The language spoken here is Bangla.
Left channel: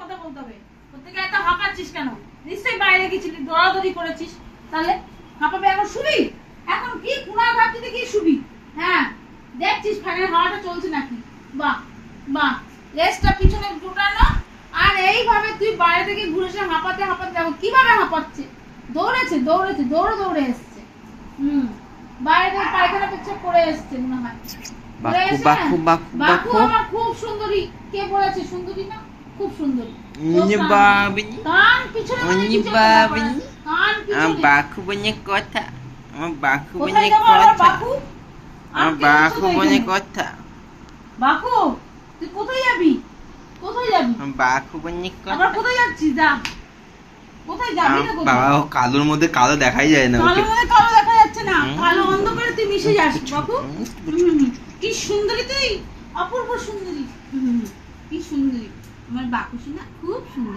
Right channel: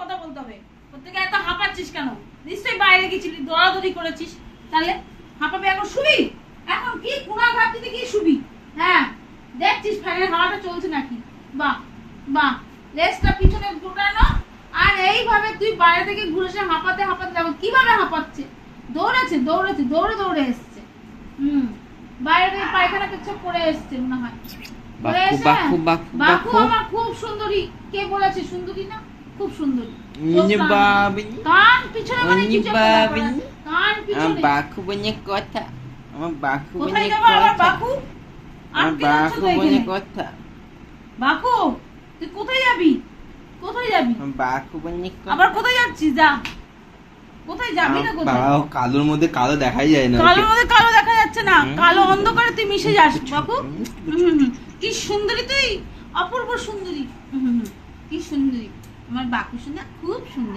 কথা বলতে হবে। প্রত্যেকে এত হাঁপাচ্ছিস কেন? নিশ্চয়ই বাইরে গেছিলি, দৌড়াদৌড়ি করেছিস। তাহলে হাঁপাবে এখন শুবি? এখন কি কুড়া ঘাটতিতে কি শুবি? হ্যাঁ, দেখছিস ফ্যানের হাওয়াটা চলছে নাকি? বাহ বাহ, লেজটা পিছনে ঢুকানো, আর এইভাবে তুই বাইরে থেকে ঘুরে এসে হাঁপাতে হাঁপাতে যাবো। কিভাবে হাঁপাচ্ছে? দৌড়েছে দৌড়েছে, দৌড়ে দৌড়ে এসছে। বাইরে থেকে পায়খানা পেচ্ছাপ করে এসছে মনে হয়। বাকু বাকু বাকু আমার খুব সুন্দরী। কে বলেছে সুন্দরী না? খুব সুন্দরী। কান পিছনে মানে কি চলছে? কান পিছনে। বাকু বনে কথা, আমার বাকু বনে কোথায় যাবে আমার কথা, বাকু? আমার বাকু বনে কথা, বাকু তুই কোথায় যাবি? কোথায় যাবি? আমার বাকু বনে কথা। আবার কোথায় যাচ্ছিস? যা, কোথায় যাবি না? কোথায়? বাবা, কালোর মধ্যে কালো দেখাই যায় না। কালোর মধ্যে কালো দেখা যাচ্ছে না, কালো অন্ধকারে তুই মিশে যাস বাকু। কি সুন্দরী তুই, অপূর্ব সুন্দরী। কি সুন্দরী আমার বাকু, শুনে খুব সুন্দরী।